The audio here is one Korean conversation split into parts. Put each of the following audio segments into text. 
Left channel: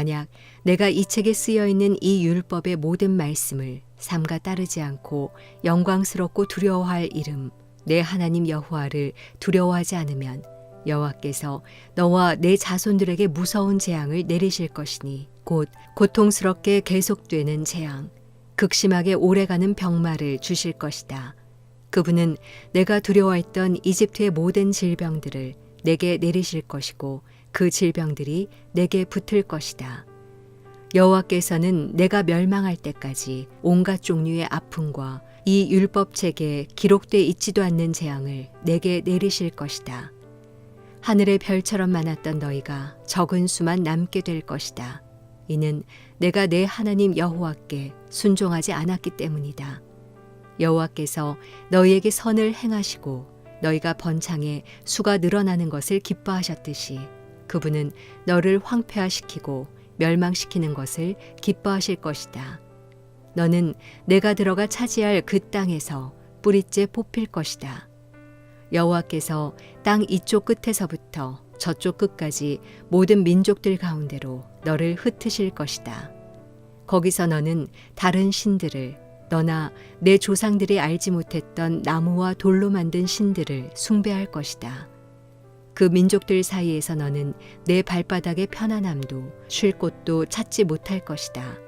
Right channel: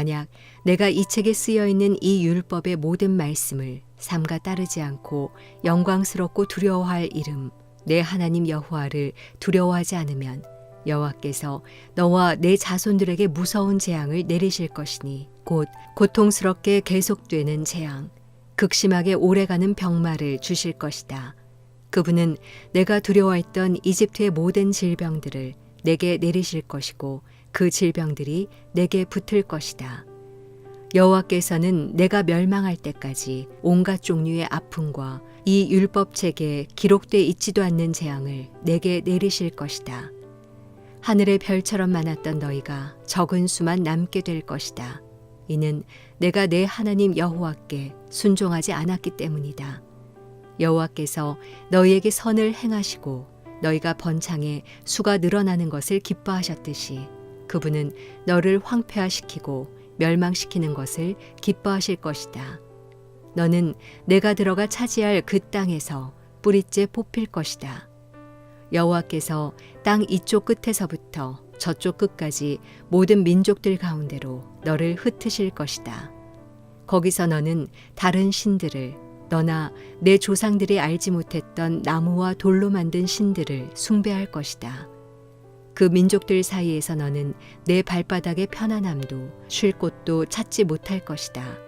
만약 내가 이 책에 쓰여 있는 이 율법의 모든 말씀을 삼가 따르지 않고 영광스럽고 두려워할 이름 내 하나님 여호와를 두려워하지 않으면 여호와께서 너와 내 자손들에게 무서운 재앙을 내리실 것이니 곧 고통스럽게 계속되는 재앙, 극심하게 오래가는 병마를 주실 것이다. 그분은 내가 두려워했던 이집트의 모든 질병들을 내게 내리실 것이고 그 질병들이 내게 붙을 것이다. 여호와께서는 내가 멸망할 때까지 온갖 종류의 아픔과 이 율법책에 기록돼 있지도 않는 재앙을 내게 내리실 것이다. 하늘의 별처럼 많았던 너희가 적은 수만 남게 될 것이다. 이는 내가 내 하나님 여호와께 순종하지 않았기 때문이다. 여호와께서 너희에게 선을 행하시고 너희가 번창해 수가 늘어나는 것을 기뻐하셨듯이 그분은 너를 황폐화시키고 멸망시키는 것을 기뻐하실 것이다. 너는 내가 들어가 차지할 그 땅에서 뿌리째 뽑힐 것이다. 여호와께서 땅 이쪽 끝에서부터 저쪽 끝까지 모든 민족들 가운데로 너를 흩으실 것이다. 거기서 너는 다른 신들을 너나 내 조상들이 알지 못했던 나무와 돌로 만든 신들을 숭배할 것이다. 그 민족들 사이에서 너는 내 발바닥의 편안함도 쉴 곳도 찾지 못할 것이다.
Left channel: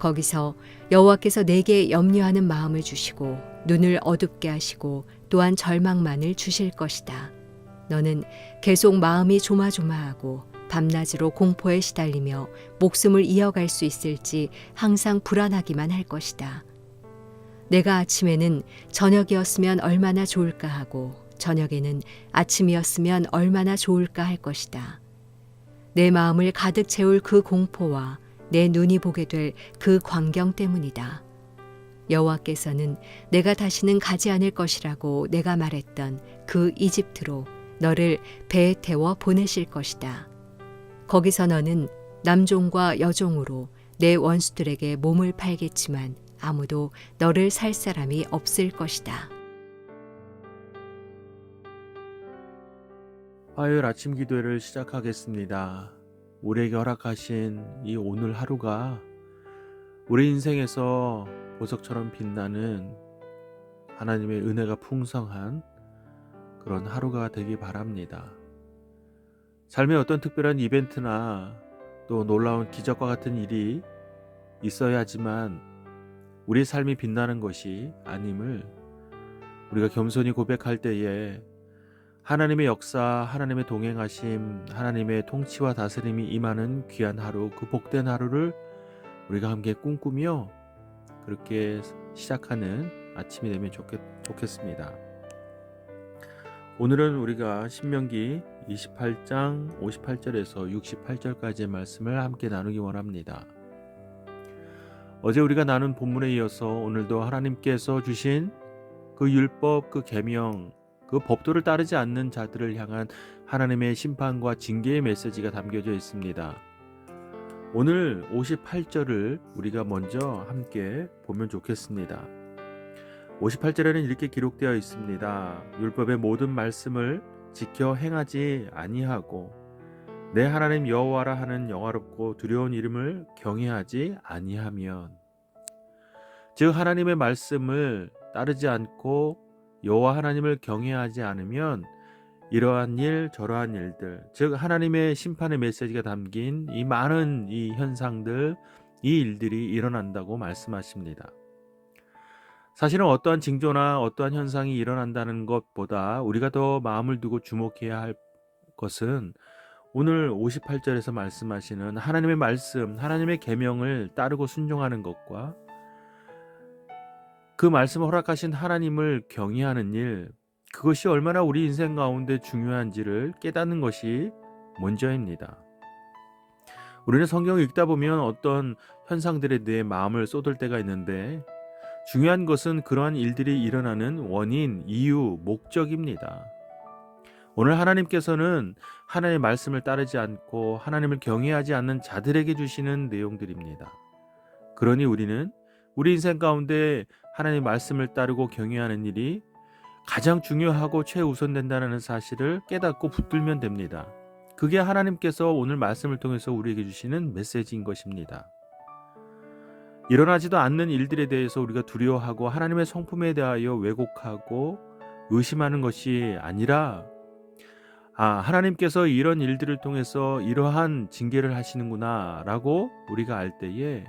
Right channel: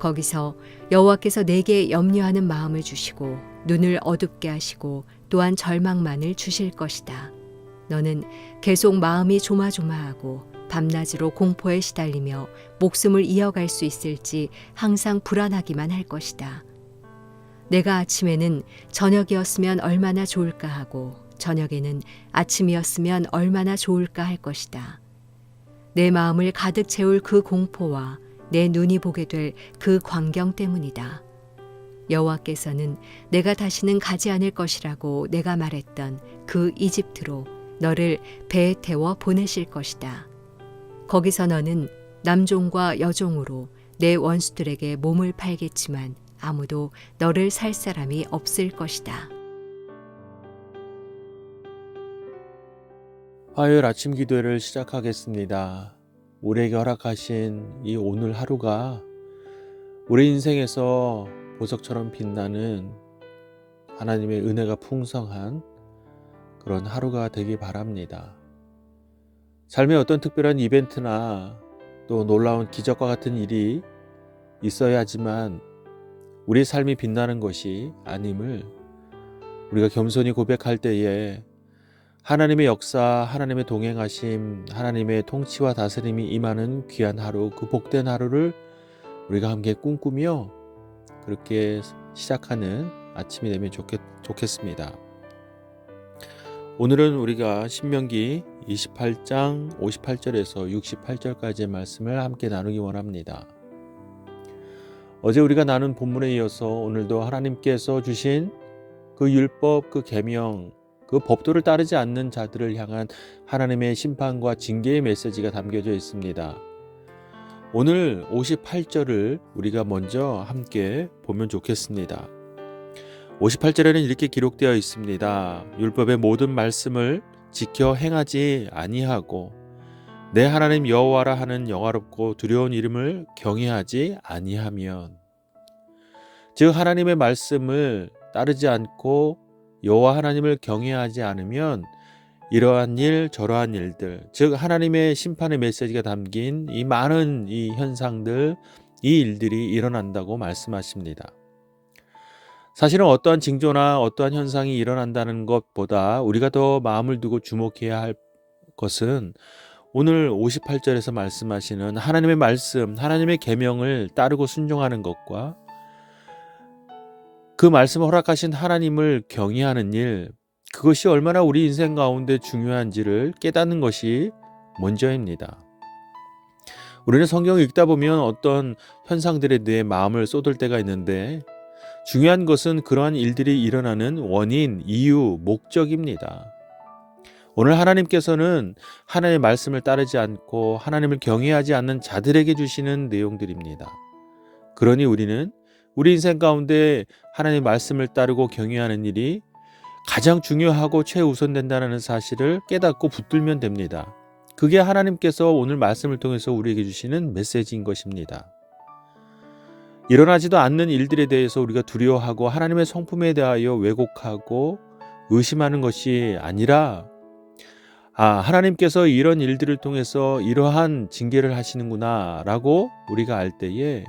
거기서 여호와께서 내게 염려하는 마음을 주시고 눈을 어둡게 하시고 또한 절망만을 주실 것이다. 너는 계속 마음이 조마조마하고 밤낮으로 공포에 시달리며 목숨을 이어갈 수 있을지 항상 불안하기만 할 것이다. 내가 아침에는 저녁이었으면 얼마나 좋을까 하고 저녁에는 아침이었으면 얼마나 좋을까 할 것이다. 내 마음을 가득 채울 그 공포와 내 눈이 보게 될 그 광경 때문이다. 여호와께서는 내가 다시는 가지 않을 것이라고 내가 말했던 그 이집트로 너를 배에 태워 보내실 것이다. 거기서 너는 남종과 여종으로 내 원수들에게 몸을 팔겠지만 아무도 너를 살 사람이 없을 것이다. 화요일 아침 기도회를 시작하겠습니다. 우리에게 허락하신 이 오늘 하루가 우리 인생에서 보석처럼 빛나는 하나님의 은혜가 풍성한 그런 하루가 되기 바랍니다. 삶에 어떤 특별한 이벤트나 또 놀라운 기적과 같은 일이 있어야 하지만 우리 삶이 빛나는 것이 아님을 우리가 겸손히 고백할 때에 하나님의 역사, 하나님의 동행하심, 하나님의 통치와 다스림이 임하는 귀한 하루, 그 복된 하루를 우리가 함께 꿈꾸며 그렇게 시작하는 아침이 되면 좋겠습니다. 오늘은 우리가 신명기 28장 58절에서 68절까지의 말씀을 함께 나누기 원합니다. 어제 우리가 나눈 본문에 이어서 오늘도 하나님께서 주신 그 율법, 그 계명, 그 법도를 따르지 않는 자들을 향한 하나님의 심판과 징계의 메시지가 담겨져 있습니다. 오늘 58절을 우리가 먼저 함께 보면 좋겠습니다. 58절에는 이렇게 기록되어 있습니다. 율법의 모든 말씀을 지켜 행하지 아니하고 내 하나님 여호와라 하는 영화롭고 두려운 이름을 경외하지 아니하면, 즉 하나님의 말씀을 따르지 않고 여호와 하나님을 경외하지 않으면 이러한 일 저러한 일들, 즉 하나님의 심판의 메시지가 담긴 이 많은 이 현상들, 이 일들이 일어난다고 말씀하십니다. 사실은 어떠한 징조나 어떠한 현상이 일어난다는 것보다 우리가 더 마음을 두고 주목해야 할 것은 오늘 58절에서 말씀하시는 하나님의 말씀, 하나님의 계명을 따르고 순종하는 것과 그 말씀을 허락하신 하나님을 경외하는 일, 그것이 얼마나 우리 인생 가운데 중요한지를 깨닫는 것이 먼저입니다. 우리는 성경을 읽다 보면 어떤 현상들에 대해 마음을 쏟을 때가 있는데 중요한 것은 그러한 일들이 일어나는 원인, 이유, 목적입니다. 오늘 하나님께서는 하나님의 말씀을 따르지 않고 하나님을 경외하지 않는 자들에게 주시는 내용들입니다. 그러니 우리는 우리 인생 가운데 하나님의 말씀을 따르고 경외하는 일이 가장 중요하고 최우선된다는 사실을 깨닫고 붙들면 됩니다. 그게 하나님께서 오늘 말씀을 통해서 우리에게 주시는 메시지인 것입니다. 일어나지도 않는 일들에 대해서 우리가 두려워하고 하나님의 성품에 대하여 왜곡하고 의심하는 것이 아니라 하나님께서 이런 일들을 통해서 이러한 징계를 하시는구나 라고 우리가 알 때에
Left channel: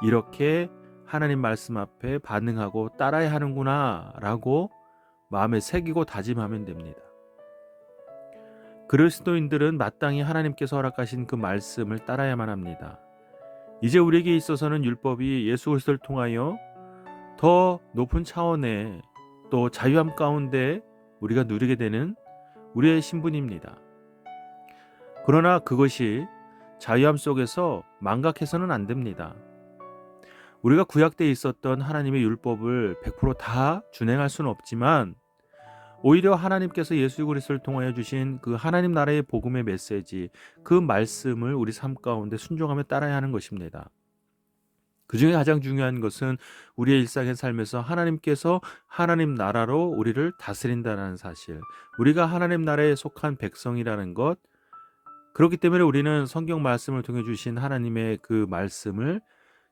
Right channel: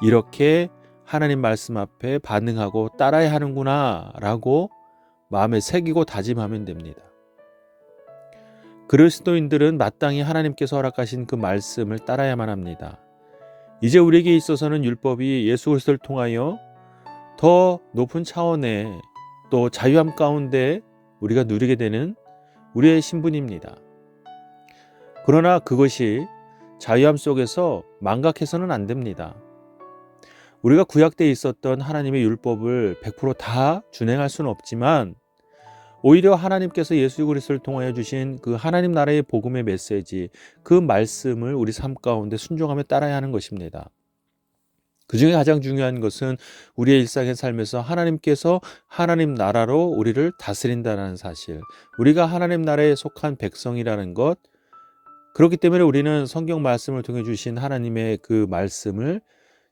이렇게 하나님 말씀 앞에 반응하고 따라야 하는구나 라고 마음에 새기고 다짐하면 됩니다. 그리스도인들은 마땅히 하나님께서 허락하신 그 말씀을 따라야만 합니다. 이제 우리에게 있어서는 율법이 예수 그리스도를 통하여 더 높은 차원의 또 자유함 가운데 우리가 누리게 되는 우리의 신분입니다. 그러나 그것이 자유함 속에서 망각해서는 안 됩니다. 우리가 구약 때 있었던 하나님의 율법을 100% 준행할 수는 없지만 오히려 하나님께서 예수 그리스도를 통하여 주신 그 하나님 나라의 복음의 메시지, 그 말씀을 우리 삶 가운데 순종하며 따라야 하는 것입니다. 그 중에 가장 중요한 것은 우리의 일상의 삶에서 하나님께서 하나님 나라로 우리를 다스린다는 사실, 우리가 하나님 나라에 속한 백성이라는 것, 그렇기 때문에 우리는 성경 말씀을 통해 주신 하나님의 그 말씀을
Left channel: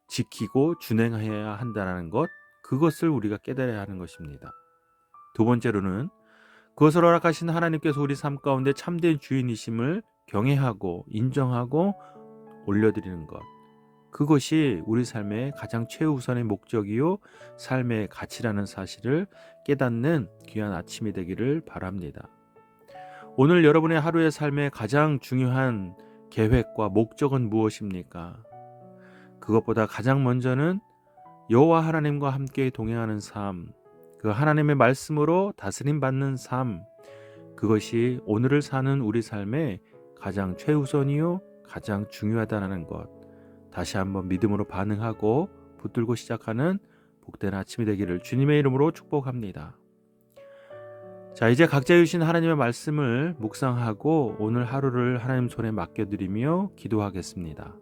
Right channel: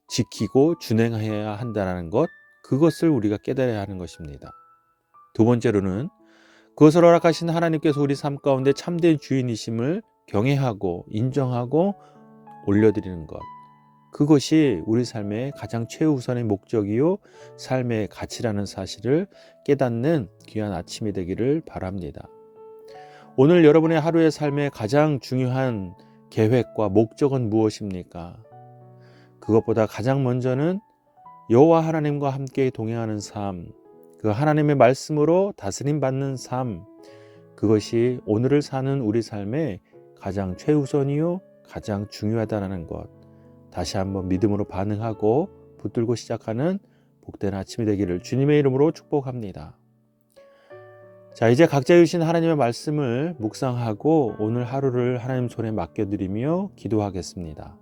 지키고 준행해야 한다는 것, 그것을 우리가 깨달아야 하는 것입니다. 두 번째로는 그것을 허락하신 하나님께서 우리 삶 가운데 참된 주인이심을 경외하고 인정하고 올려드리는 것, 그것이 우리 삶의 가장 최우선의 목적이요 삶의 가치라는 사실을 깨닫는 귀한 아침이 되기를 바랍니다. 오늘 여러분의 하루의 삶의 가장 중요한 계획과 목적은 무엇입니까? 그것보다 가장 먼저는 여호와 하나님과 함께 동행하는 삶, 그 하나님의 말씀으로 다스림 받는 삶, 그것이 오늘을 사는 우리 삶의 가장 최우선이요 가장 중요하다는 것, 다시 한번 믿음으로 반응하고 붙들고 시작하는 복된 아침이 되기를 주님의 이름으로 축복합니다. 자, 이제 각자 주신 하나님의 말씀을 묵상하고 오늘 하루를 하나님 손에 맡겨드리며 기도하겠습니다.